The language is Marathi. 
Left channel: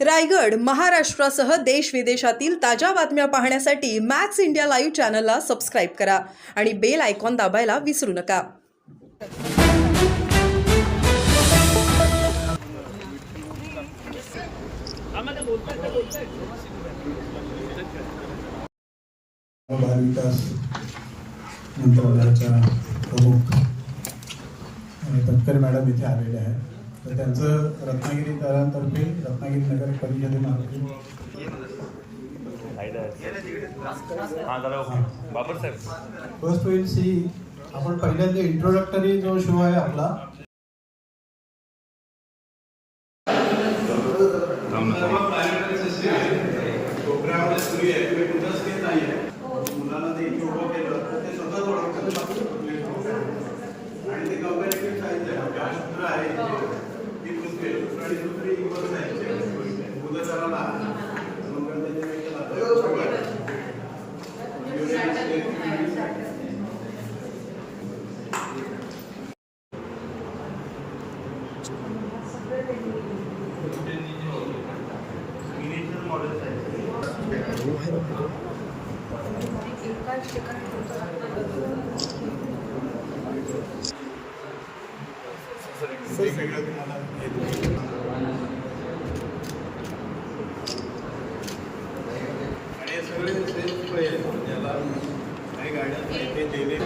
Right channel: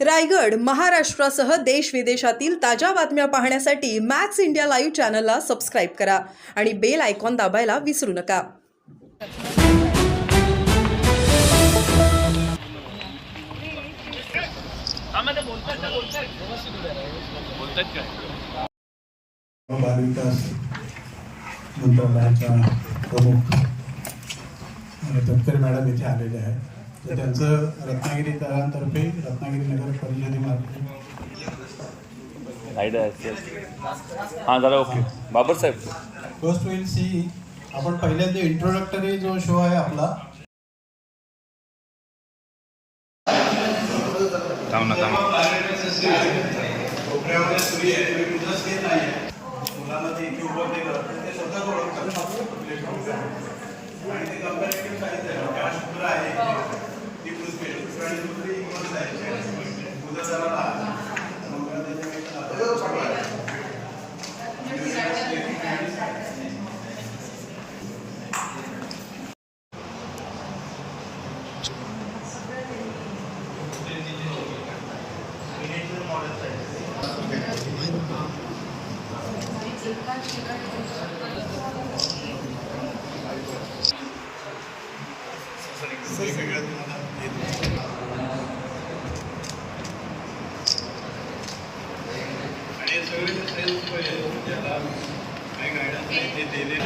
रायगड, महाराष्ट्रासह देश विदेशातील ताज्या बातम्या पाहण्यासाठी मॅक्स इंडिया लाईव्ह चॅनलला सबस्क्राईब करा आणि बेल आयकॉन दाबायला विसरू नका. मंत्रालयाच्या प्रमुख तटकरे मॅडम इथे आलेले आहेत. तर त्यांचं रत्नागिरी तळांतर्फे रत्नागिरी नगर परिषदेमार्फत बाबर साहेब फर्स्ट विल सी आपण पहिल्यांदा इंट्रोडक्टरी जो शो आहे आपला प्रोग्राम मुलांना जे उभं केलं ते स्वतःच ओळखतात आणि ते कंपॅरेटिव्ह सायन्स आहे. शास्त्र आहे ही पुस्तके आणि दुसरी इंग्लिश सायन्स आहे. मुदताला नंतर वेगवेगळ्या तुम्हाला आणि हे सगळे सेल्फ त्याला काही गायडन्स ते दिले